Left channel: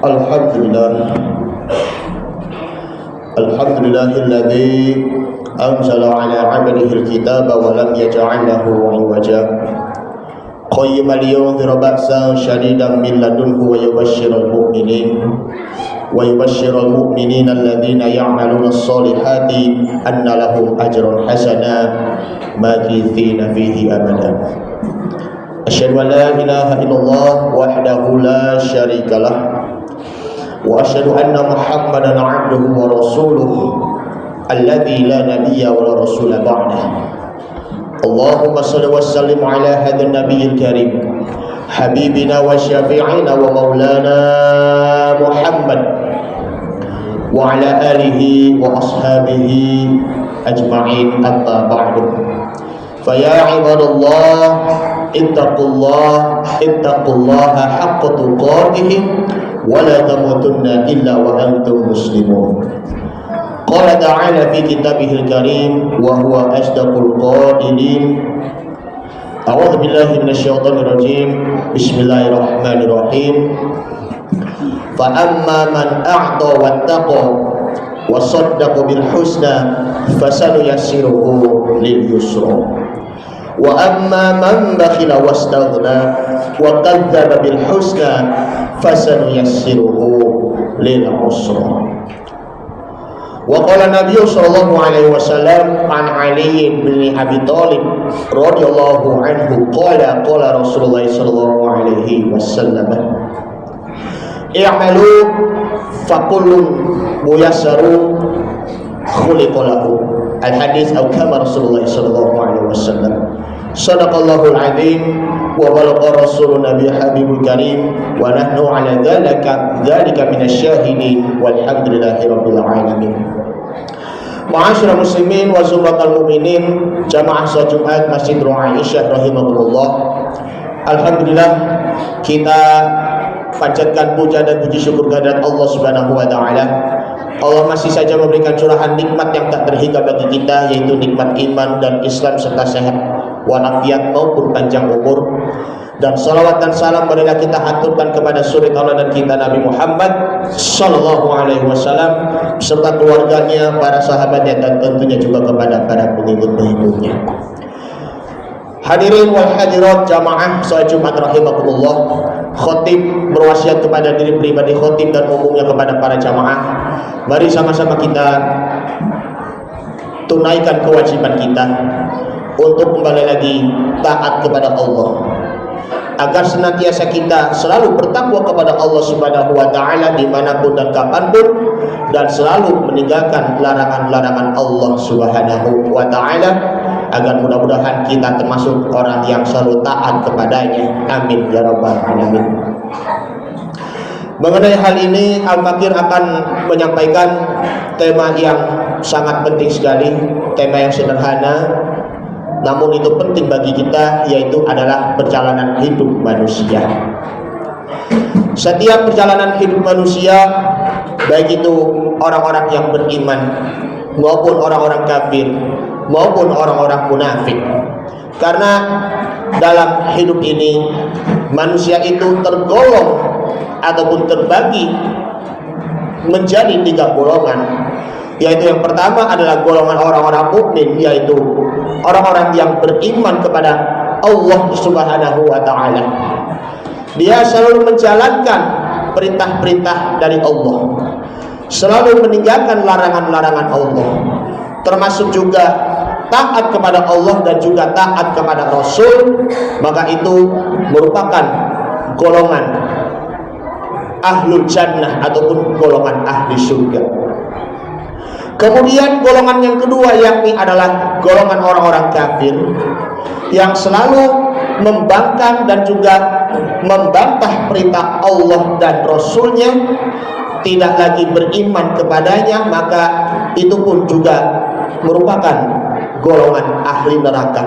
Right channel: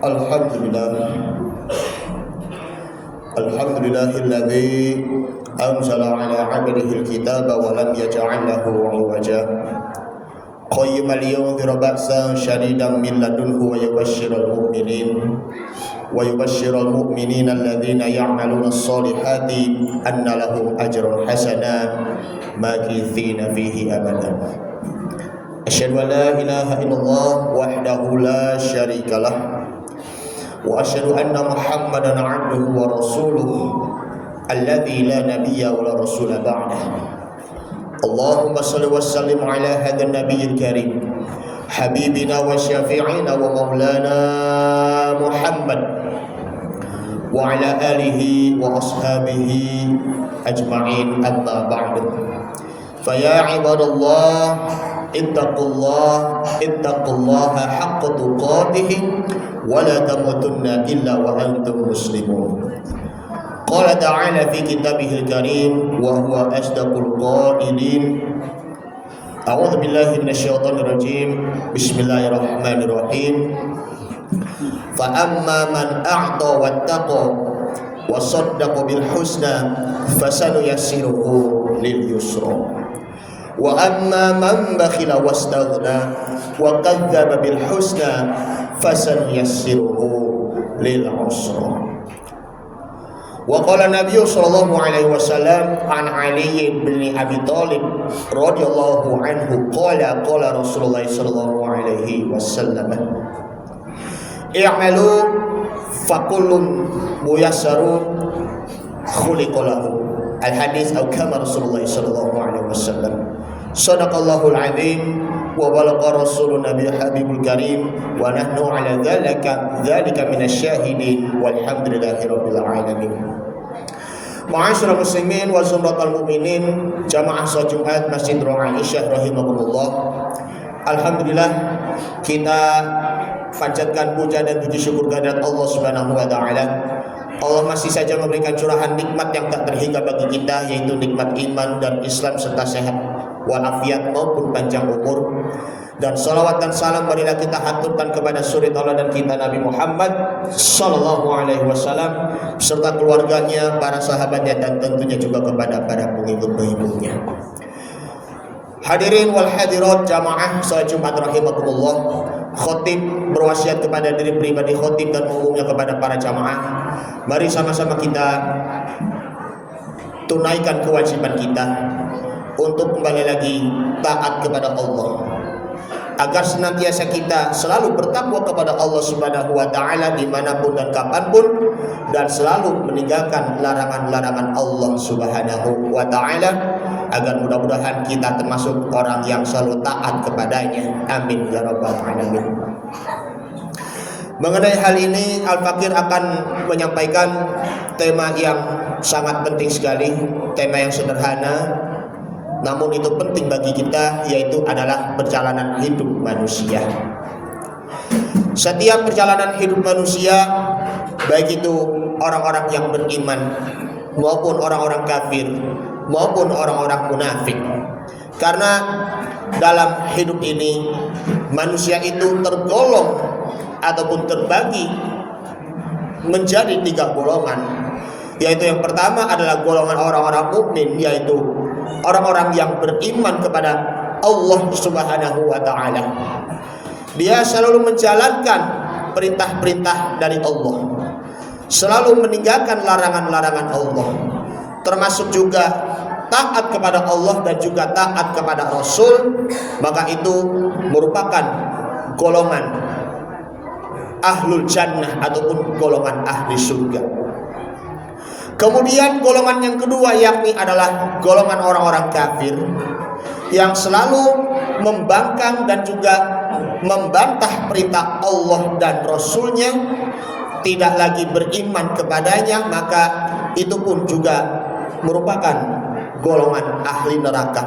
Alhamdulillah. Alhamdulillahilladzi anzala ala 'abdihi al-kitaba wa lam yaj'al lahu 'iwaja. Qayyiman liyunzira ba'san shadidan min ladunhu wa yubashshiral mu'minina alladhina ya'maluna as-solihati anna lahum ajran hasana makithina fihi abada. Asyhadu an la ilaha illallah wahdahu la syarika lah wa asyhadu anna Muhammadan 'abduhu wa rasuluhu alladzi la nabiyya wa la rasula ba'dahu. Allahumma shalli wa sallim ala hadzal nabiyil karim habibina wa syafi'ina wa maulana Muhammad wa ala alihi wa ashabihi ajma'in, amma ba'du. Fa ya ibadallah ittaqullaha haqqa tuqatih wa la tamutunna illa wa antum muslimun. Qala ta'ala fi kitabihil karim wa huwa asdaqul qailin. A'udzu billahi minasyaitonir rajim. Bismillahirrahmanirrahim. Fa amma man a'ta wattaqa wa saddaqa bil husna fasanuyassiruhu lil yusra. Wa amma man bakhila wastaghna wa kadzdzaba bil husna fasanuyassiruhu lil usra. Wa qala Nabi sallallahu alaihi wasallam an Ali bin Abi Thalib radhiyallahu anhu qala Rasulullah sallallahu alaihi wasallam i'malu fakullun muyassaru khuliqa lahu. Al hadis atau kama Rasulullah sallallahu alaihi wasallam. Sadaqallahul azim wa balagha rasulun nabi habibul karim wa nahnu ala dzalika minasyahidin walhamdulillahi rabbil alamin. Ma'asyiral muslimin wa zumratal mu'minin jamaah salat Jumat Masjid Aisyah rahimahullah. Alhamdulillah kita panjatkan puja dan puji syukur kehadirat Allah Subhanahu wa taala. Allah masih saja memberikan curahan nikmat yang tak terhingga bagi kita, yaitu nikmat iman dan Islam serta sehat walafiat maupun panjang umur. Dan salawat dan salam marilah kita haturkan kepada suri tauladan kita Nabi Muhammad sallallahu alaihi wasallam serta keluarganya, para sahabatnya, dan tentunya juga kepada para pengikut-pengikutnya. Hadirin wal hadirat jamaah salat Jumat rahimakumullah. Khatib berwasiat kepada diri pribadi khatib dan umumnya kepada para jamaah, mari sama-sama kita tunaikan kewajiban kita untuk kembali lagi taat kepada Allah, agar senantiasa kita selalu bertakwa kepada Allah Subhanahu wa taala dimanapun dan kapanpun, dan selalu meninggalkan larangan-larangan Allah Subhanahu wa taala, agar mudah-mudahan kita termasuk orang yang selalu taat kepadanya. Amin ya rabbal alamin. Mengenai hal ini, Al-Fakir akan menyampaikan tema yang sangat penting sekali, tema yang sederhana namun itu penting bagi kita, yaitu adalah perjalanan hidup manusia. Setiap perjalanan hidup manusia, baik itu orang-orang yang beriman maupun orang-orang kafir maupun orang-orang munafik. Karena dalam hidup ini manusia itu tergolong ataupun terbagi menjadi 3 golongan, yaitu yang pertama adalah golongan orang-orang mukmin, yaitu orang-orang yang beriman kepada Allah Subhanahu wa taala. Dia selalu menjalankan perintah-perintah dari Allah, selalu meninggalkan larangan-larangan Allah, termasuk juga taat kepada Allah dan juga taat kepada Rasul. Maka itu merupakan golongan ahlul jannah ataupun golongan ahli surga. Kemudian golongan yang kedua yakni adalah golongan orang-orang kafir yang selalu membangkang dan juga membantah perintah Allah dan Rasulnya, tidak lagi beriman kepadanya, maka itu pun juga merupakan golongan ahli neraka.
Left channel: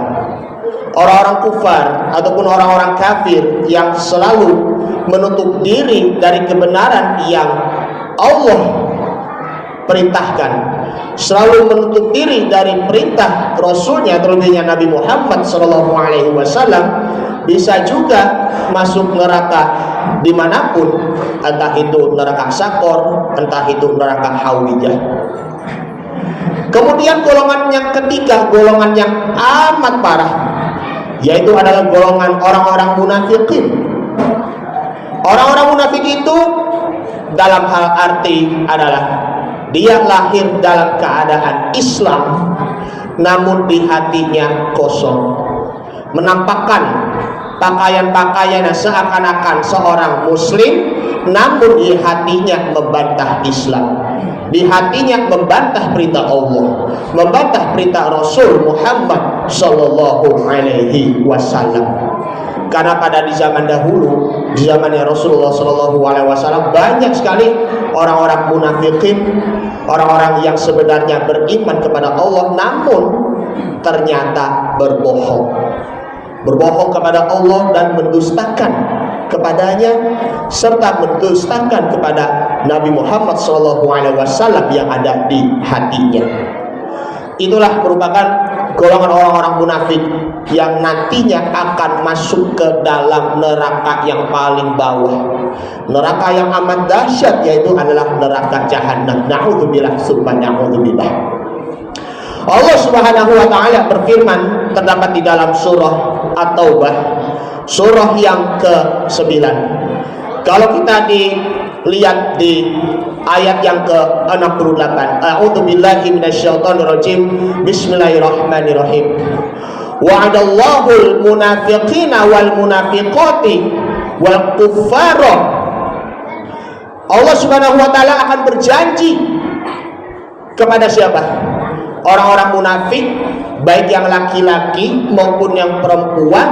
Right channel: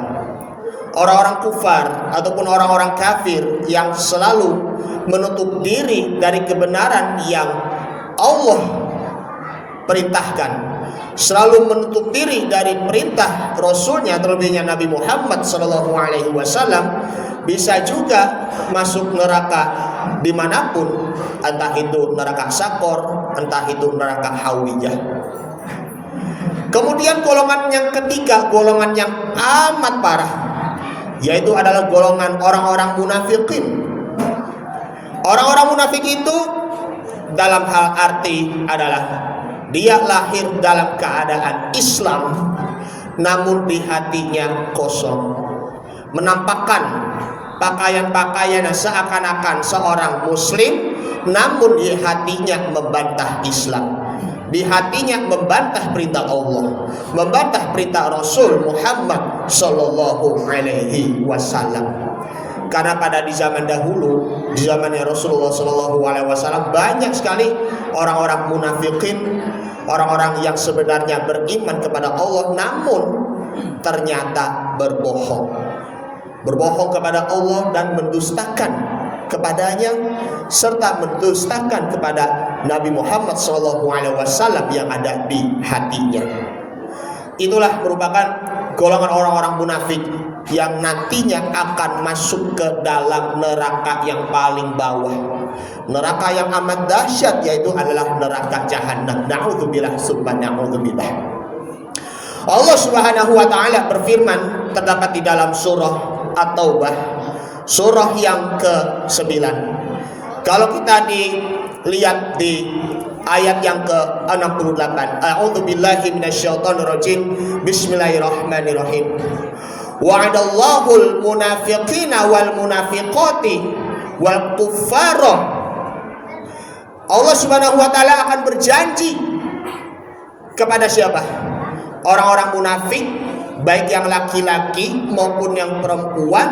Orang-orang kufar ataupun orang-orang kafir yang selalu menutup diri dari kebenaran yang Allah perintahkan, selalu menutup diri dari perintah Rasulnya, terlebihnya Nabi Muhammad SAW, bisa juga masuk neraka dimanapun, entah itu neraka Sakor, entah itu neraka Hawiyah. Kemudian golongan yang ketiga, golongan yang amat parah, yaitu adalah golongan orang-orang munafikin. Orang-orang munafik itu dalam hal arti adalah dia lahir dalam keadaan Islam, namun di hatinya kosong, menampakkan pakaian-pakaian seakan-akan seorang muslim, namun di hatinya membantah Islam, di hatinya membantah perintah Allah, membantah perintah Rasul Muhammad Sallallahu Alaihi Wasallam. Karena pada di zaman dahulu, di zamannya Rasulullah Sallallahu Alaihi Wasallam, banyak sekali orang-orang munafikin, orang-orang yang sebenarnya beriman kepada Allah, namun ternyata berbohong kepada Allah dan mendustakan kepadanya, serta mendustakan kepada Nabi Muhammad SAW yang ada di hatinya. Itulah merupakan golongan orang-orang munafik yang nantinya akan masuk ke dalam neraka yang paling bawah, neraka yang amat dahsyat, yaitu adalah neraka jahanam. Na'udzubillah summa na'udzubillah. Allah Subhanahu wa taala berfirman terdapat di dalam surah At-Taubah, surah yang ke-9. Kalau kita dilihat di ayat yang ke-68, a'udzubillahi minasyaitonirrajim, bismillahirrahmanirrahim. Wa'adallahul munafiqina wal munafiqati wal kuffara. Allah Subhanahu wa taala akan berjanji kepada siapa? Orang-orang munafik, baik yang laki-laki maupun yang perempuan,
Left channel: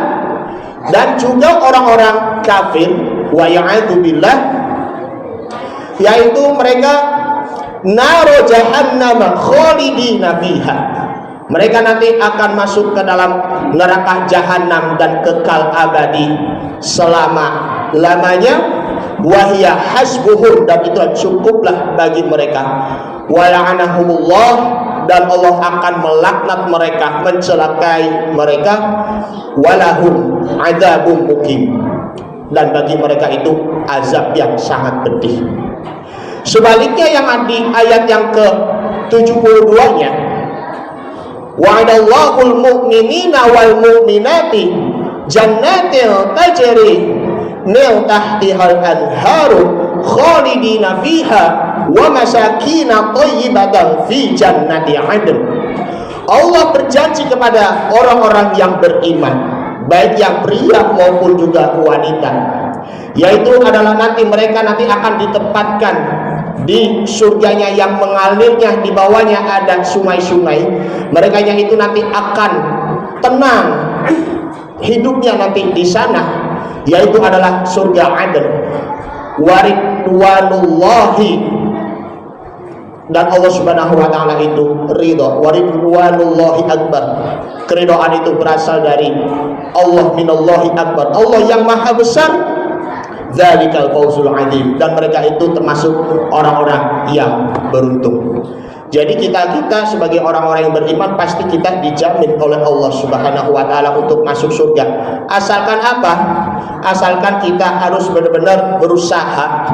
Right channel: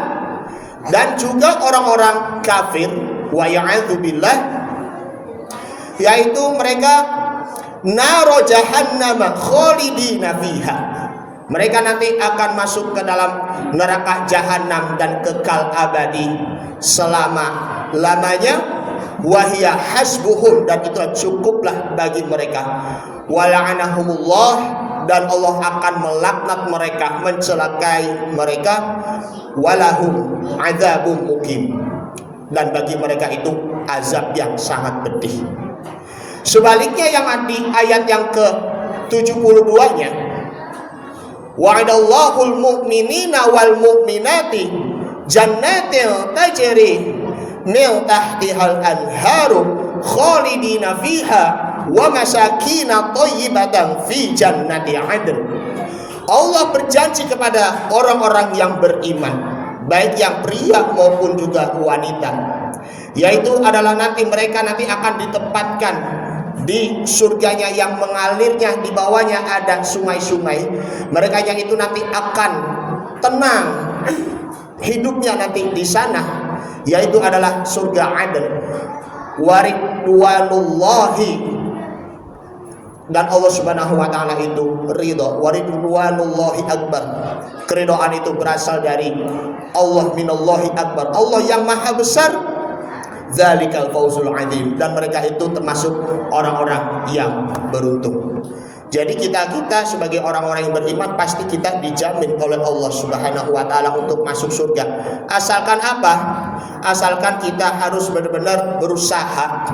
dan juga orang-orang kafir, wa ya'adzubillah, yaitu mereka naro jahannam khalidina fiha. Mereka nanti akan masuk ke dalam neraka jahanam dan kekal abadi selama-lamanya. Wahya hasbuhum, dan itu cukuplah bagi mereka. Wala'anahumullah, dan Allah akan melaknat mereka, mencelakai mereka. Walahum adzabun muqim, dan bagi mereka itu azab yang sangat pedih. Sebaliknya yang di ayat yang ke-72-nya, wa'adallahul mu'minina wal mu'minati jannatin tajri min tahtihal anharu khalidina fiha wa masakina thayyibatan fi jannati 'adn. Allah berjanji kepada orang-orang yang beriman, baik yang pria maupun juga wanita, yaitu adalah nanti mereka nanti akan ditempatkan di surganya yang mengalirnya di bawahnya ada sungai-sungai. Mereka yang itu nanti akan tenang hidupnya nanti di sana, yaitu adalah surga Adn. Waridwanullahi, dan Allah Subhanahu wa taala itu ridha. Waridwanullahi akbar, keridhaan itu berasal dari Allah, minallahi akbar, Allah yang maha besar. Dzalikal fawzul adzim, dan mereka itu termasuk orang-orang yang beruntung. Jadi kita sebagai orang-orang yang beriman pasti kita dijamin oleh Allah Subhanahu wa taala untuk masuk surga. Asalkan apa? Asalkan kita harus benar-benar berusaha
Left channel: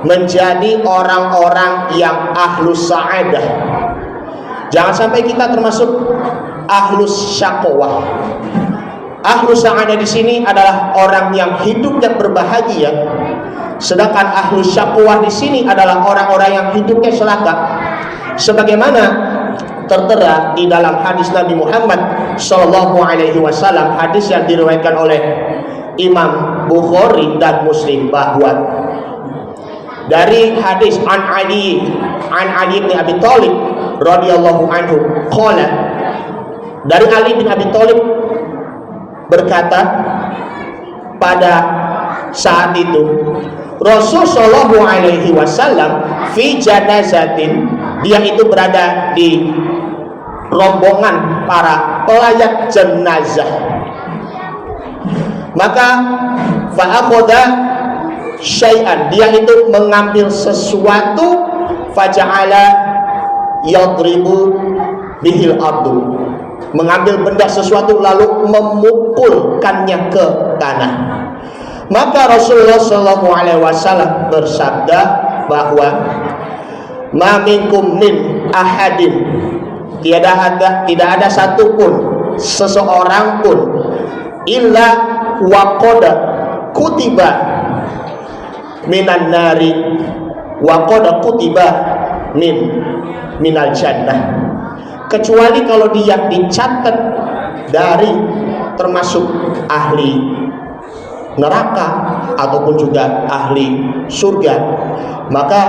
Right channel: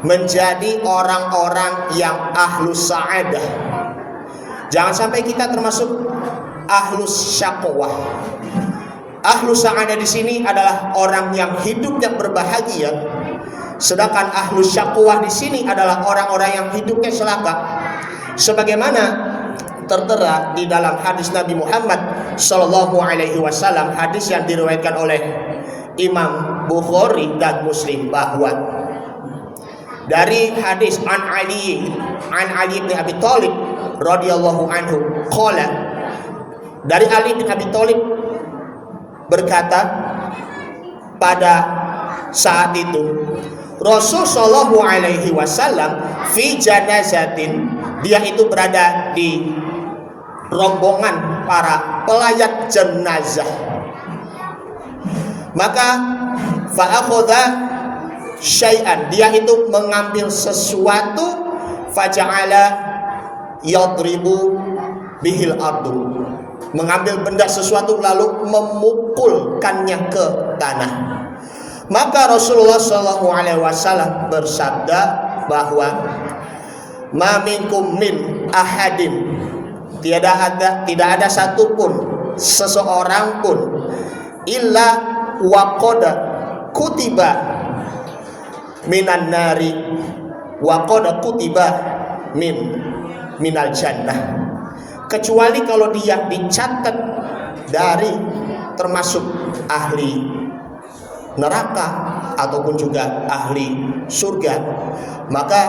menjadi orang-orang yang ahlus sa'adah. Jangan sampai kita termasuk ahlus syaqwah. Ahlus sa'adah di sini adalah orang yang hidupnya berbahagia. Sedangkan ahlus syaqwah di sini adalah orang-orang yang hidupnya celaka. Sebagaimana tertera di dalam hadis Nabi Muhammad Sallallahu Alaihi Wasallam, hadis yang diriwayatkan oleh Imam Bukhari dan Muslim, bahwa dari hadis an Ali bin Abi Thalib radhiyallahu anhu qala, dari Ali bin Abi Thalib berkata, pada saat itu Rasul Shallallahu Alaihi Wasallam fi janazatin, dia itu berada di rombongan para pelayat jenazah. Maka fa'akhadha syai'an, dia itu mengambil sesuatu, faja'ala yadribu bihil ardu, mengambil benda sesuatu lalu memukulkannya ke tanah. Maka Rasulullah SAW bersabda bahwa ma minkum min ahadin, tidak ada satupun seseorang pun illa waqad kutiba minan nari waqad kutiba minal jannah, kecuali kalau dia dicatat dari termasuk ahli neraka ataupun juga ahli surga. Maka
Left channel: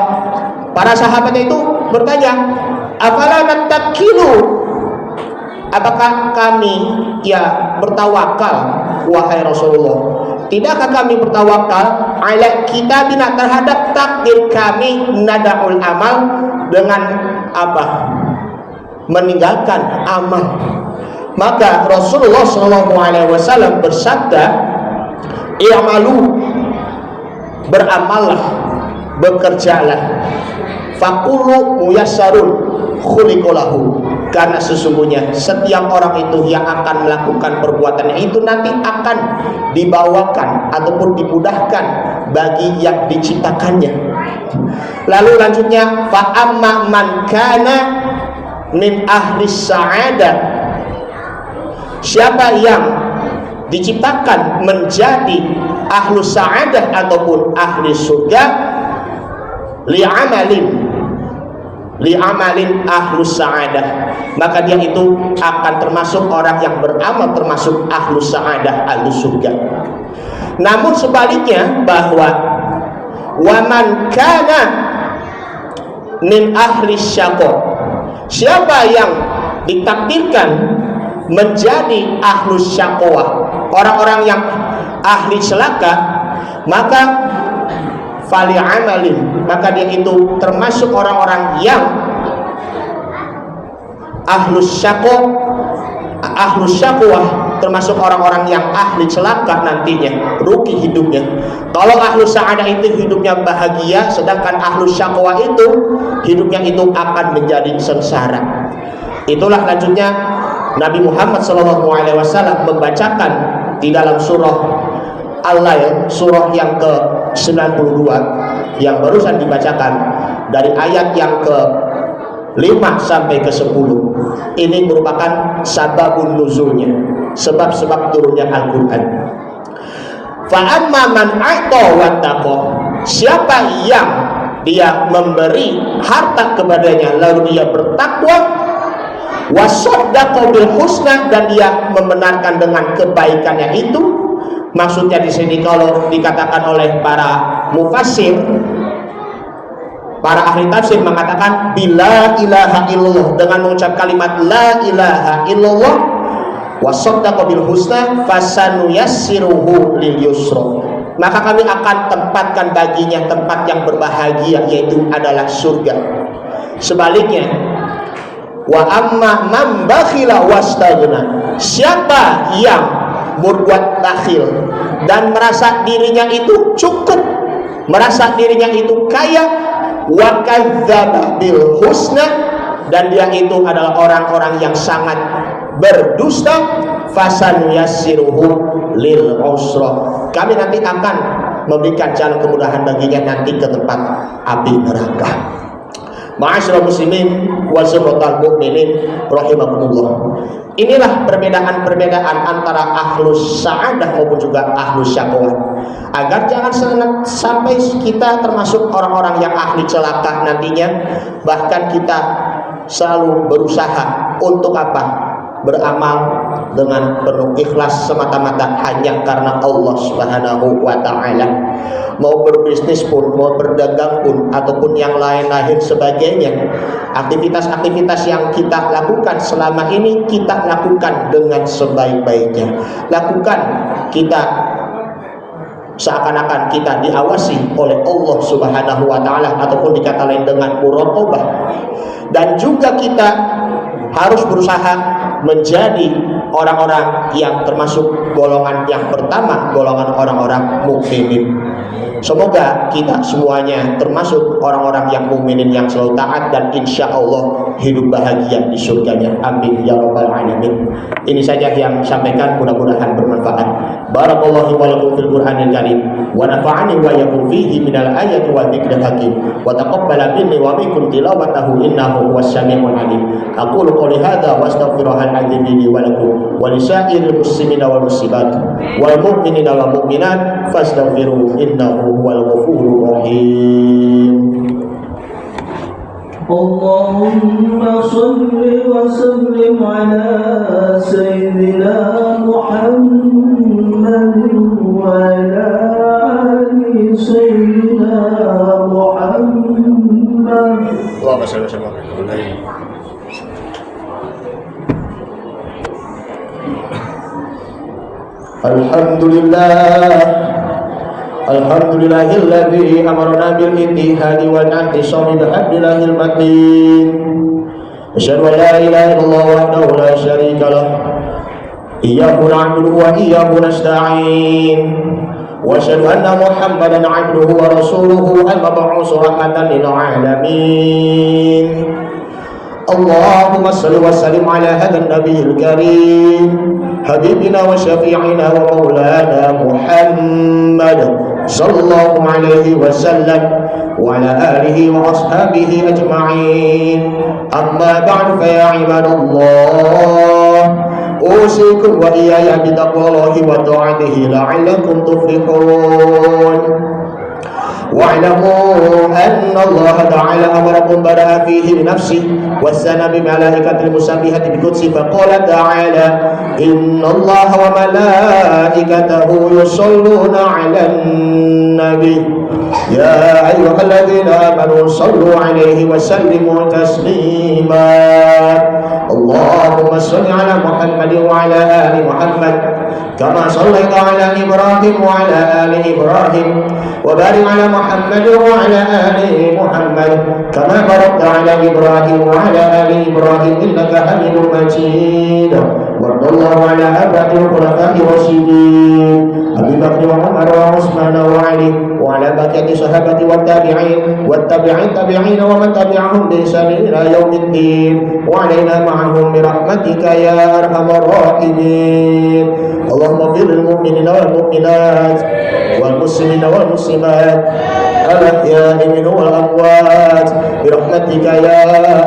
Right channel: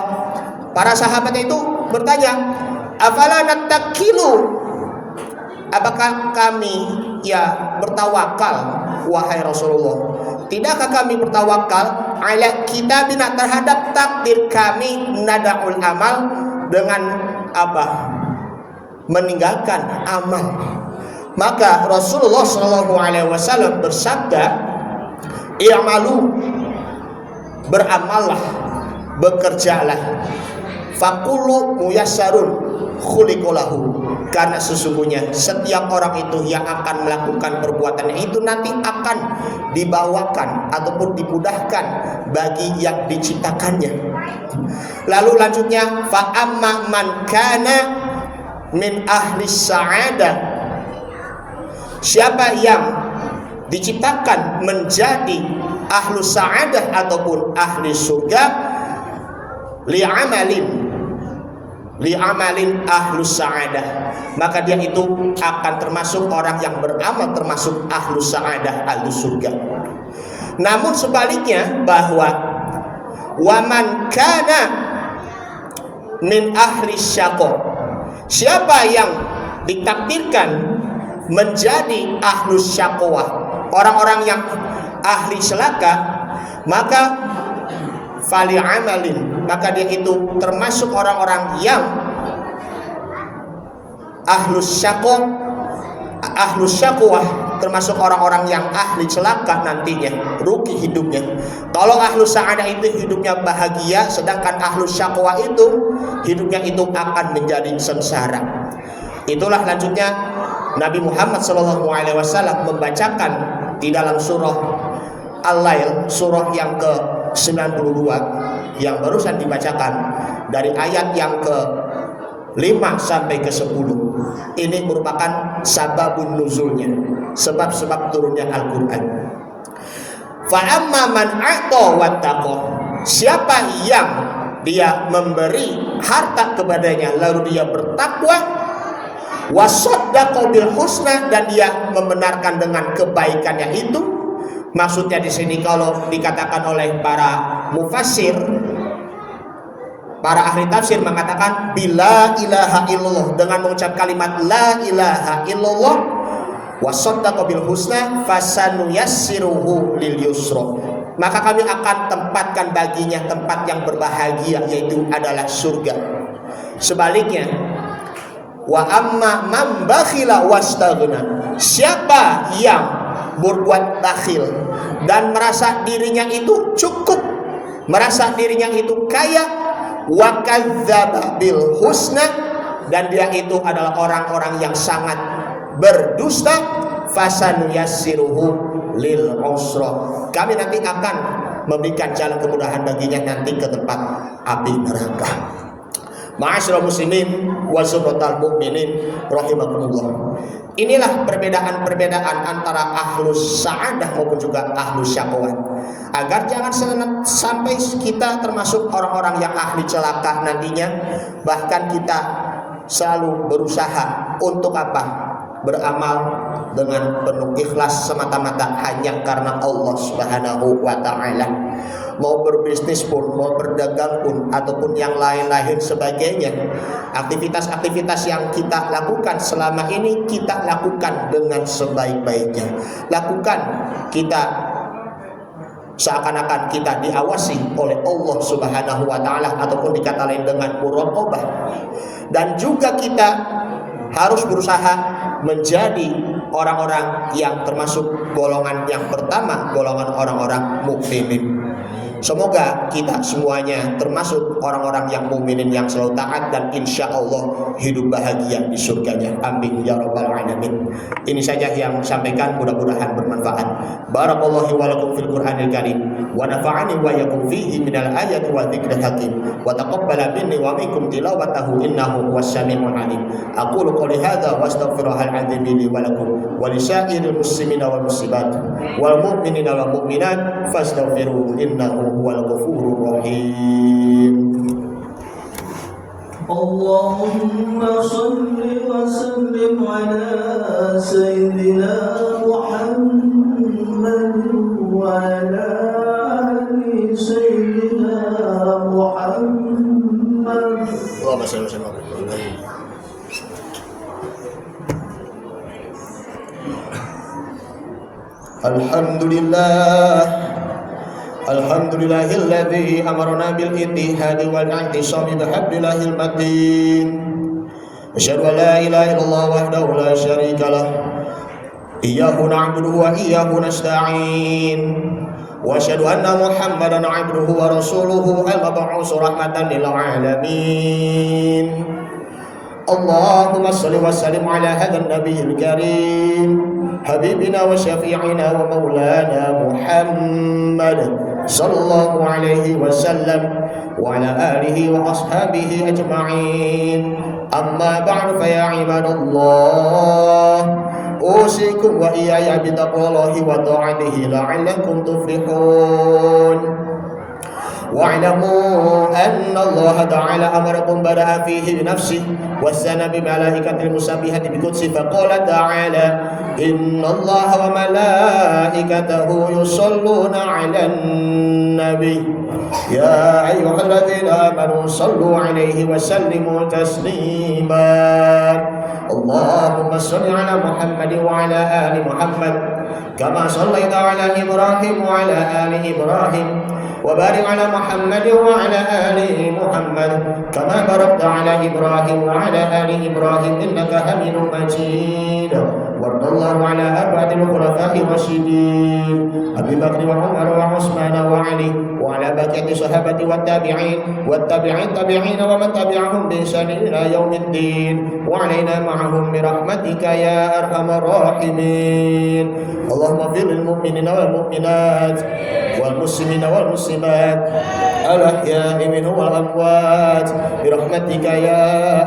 para sahabat itu bertanya, afala nattakilu, apakah kami bertawakal wahai Rasulullah? Tidakkah kami bertawakal ala kitabina, terhadap takdir kami, nada'ul amal, dengan apa? Meninggalkan amal. Maka Rasulullah SAW bersabda, i'malu, beramallah, bekerjalah, faqulu muyassarun khuliqalahu, karena sesungguhnya setiap orang itu yang akan melakukan perbuatannya itu nanti akan dibawakan ataupun dimudahkan bagi yang diciptakannya. Lalu lanjutnya, fa amma man kana min ahli sa'adah, siapa yang diciptakan menjadi ahlu sa'adah ataupun ahli surga, li'amalin ahlu sa'adah, maka dia itu akan termasuk orang yang beramal termasuk ahlu sa'adah, ahlu surga. Namun sebaliknya, bahwa waman kana min ahli syaqo, siapa yang ditakdirkan menjadi ahlu syaqwa, orang-orang yang ahli celaka, maka fali amalin, maka dia itu termasuk orang-orang yang ahlu syaqwa, termasuk orang-orang yang ahli celaka nantinya, rugi hidupnya. Kalau ahlu sa'adah itu hidupnya bahagia, sedangkan ahlu syaqwa itu hidupnya itu akan menjadi sengsara. Itulah lanjutnya Nabi Muhammad SAW membacakan di dalam surah Al-Lail, surah yang ke-92 yang barusan dibacakan, dari ayat yang ke-5 sampai ke-10. Ini merupakan sababun nuzulnya, sebab-sebab turunnya Al-Quran. Fa amma man a'ta wattaqa, siapa yang dia memberi harta kepadanya lalu dia bertakwa, wasaddaqa bil husna, dan dia membenarkan dengan kebaikannya itu. Maksudnya di sini kalau dikatakan oleh para mufassir, para ahli tafsir mengatakan bila ilaha illallah, dengan mengucap kalimat la ilaha illallah, wasaddaqa bil husna fasanuyassiruhu lil yusra, maka kami akan tempatkan baginya tempat yang berbahagia, yaitu adalah surga. Sebaliknya, wa amma man bakhila wastaghna, siapa yang berbuat bakhil dan merasa dirinya itu cukup, merasa dirinya itu kaya, wa kadzdzaba bil husna, dan dia itu adalah orang-orang yang sangat berdusta, fasanuyassiruhu lil usra, kami nanti akan memberikan jalan kemudahan baginya nanti ke tempat api neraka. Ma'asyiral muslimin wa sirratal mukminin rahimakumullah. Inilah perbedaan-perbedaan antara ahlus sa'adah maupun juga ahlus syaqwah, agar jangan sampai kita termasuk orang-orang yang ahli celaka nantinya. Bahkan kita selalu berusaha untuk apa? Beramal dengan penuh ikhlas semata-mata hanya karena Allah Subhanahu wa ta'ala. Mau berbisnis pun, mau berdagang pun, ataupun yang lain-lain sebagainya, aktivitas-aktivitas yang kita lakukan selama ini kita lakukan dengan sebaik-baiknya. Lakukan kita seakan-akan kita diawasi oleh Allah Subhanahu wa ta'ala, ataupun dikata lain dengan muraqabah. Dan juga kita harus berusaha menjadi orang-orang yang termasuk golongan yang pertama, golongan orang-orang mukminin. Semoga kita semuanya termasuk orang-orang yang mukminin yang selalu taat, dan insya Allah hidup bahagia di surganya. Amin ya rabbal alamin. Ini saja yang sampaikan, mudah-mudahan bermanfaat. Barakallahu wa lakum fil Qur'anil Karim wa nafa'ani wa yakum fihi minal ayati wa dzikril hakim wa taqabbala minni wa minkum tilawatahu innahu huwas samiul alim. Aqulu qouli hadza wa astaghfirullahal azim li wa lakum wa lisa'iril muslimina wal muslimat wal mu'minina wal mu'minat fastaghfiruhu innahu huwal ghafurur rahim. Allahumma salli wa sallim ala sayyidina Muhammad wa ala ali sayyidina Muhammad. Allahumma salli wa sallim ala Alhamdulillah. Alhamdulillahilladzi amarna bil ittihadi wal i'tisami bihablillahil matin. Asyhadu an la ilaha illallah wahdahu la syarika lah. Iyyahu na'budu wa iyyahu nasta'in. Wa asyhadu anna Muhammadan 'abduhu wa rasuluhu al-mab'uts rahmatan lil 'alamin. Allahumma salli wa sallim ala hadzal nabiyil karim habibina wa syafi'ina wa maulana Muhammad sallallahu alaihi wasallam wa ala alihi wa ashabihi ajma'in. Amma ba'du fa ya ibadallah, usikum wa iyaya bi taqwallahi wa ta'atihi la'allakum tuflihun. واعلموا أن الله تعالى أمركم بدأ فيه بنفسه والثنى بملائكة المسبحة بقدسه فقال تعالى إن الله وملائكته يصلون على النبي يا أيها الذين آمنوا صلوا عليه وسلموا تسليما. اللهم صل على محمد وعلى آل محمد كما صليت على إبراهيم وعلى آل إبراهيم وبارك على محمد وعلى آل محمد كما باركت على إبراهيم وعلى آل إبراهيم إنك حميد مجيد. وارض الله على أربعة الخلفاء الراشدين أبي بكر وعمر وعثمان وعلي وعلى بقية الصحابة والتابعين والتابعين ومن تبعهم بإحسان إلى يوم الدين وعلينا معهم برحمتك يا أرحم الراحمين. اللهم اغفر للمؤمنين والمؤمنات والمسلمين والمسلمات الأحياء منهم والأموات برحمتك يا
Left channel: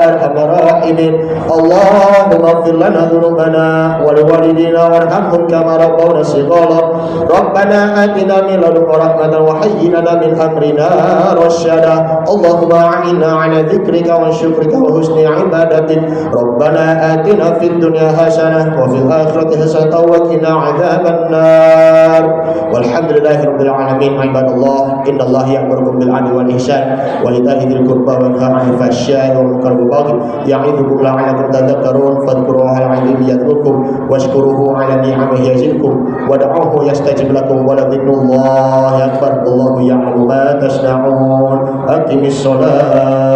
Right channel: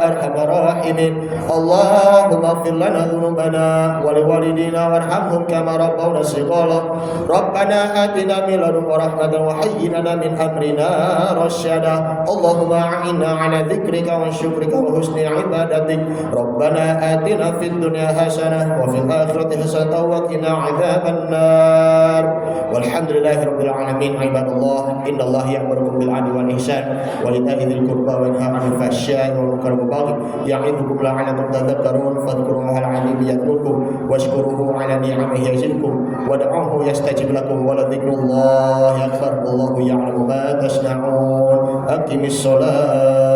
أرحم الراحمين. اللهم اغفر لنا ذنوبنا ولوالدينا وارحمهم كما ربونا صغارا. ربنا آتنا من لدنك رحمة وهيئ لنا من أمرنا رشدا. اللهم أعنا على ذكرك وشكرك وحسن عبادتك. ربنا آتنا في الدنيا حسنة وفي الآخرة حسنة وقنا عذاب النار. والحمد لله رب العالمين. عباد الله إن الله يأمركم بالعدل والإحسان وإيتاء ذي القربى وينهى عن الفحشاء والمنكر والبغي يعظكم لعلكم تذكرون. فاذكروه العظيم يذكركم واشكروه على نعمه يزدكم ودعوه يستجب لكم ولذكر الله أكبر. الله يعلم ما تصنعون. أقم الصلاة.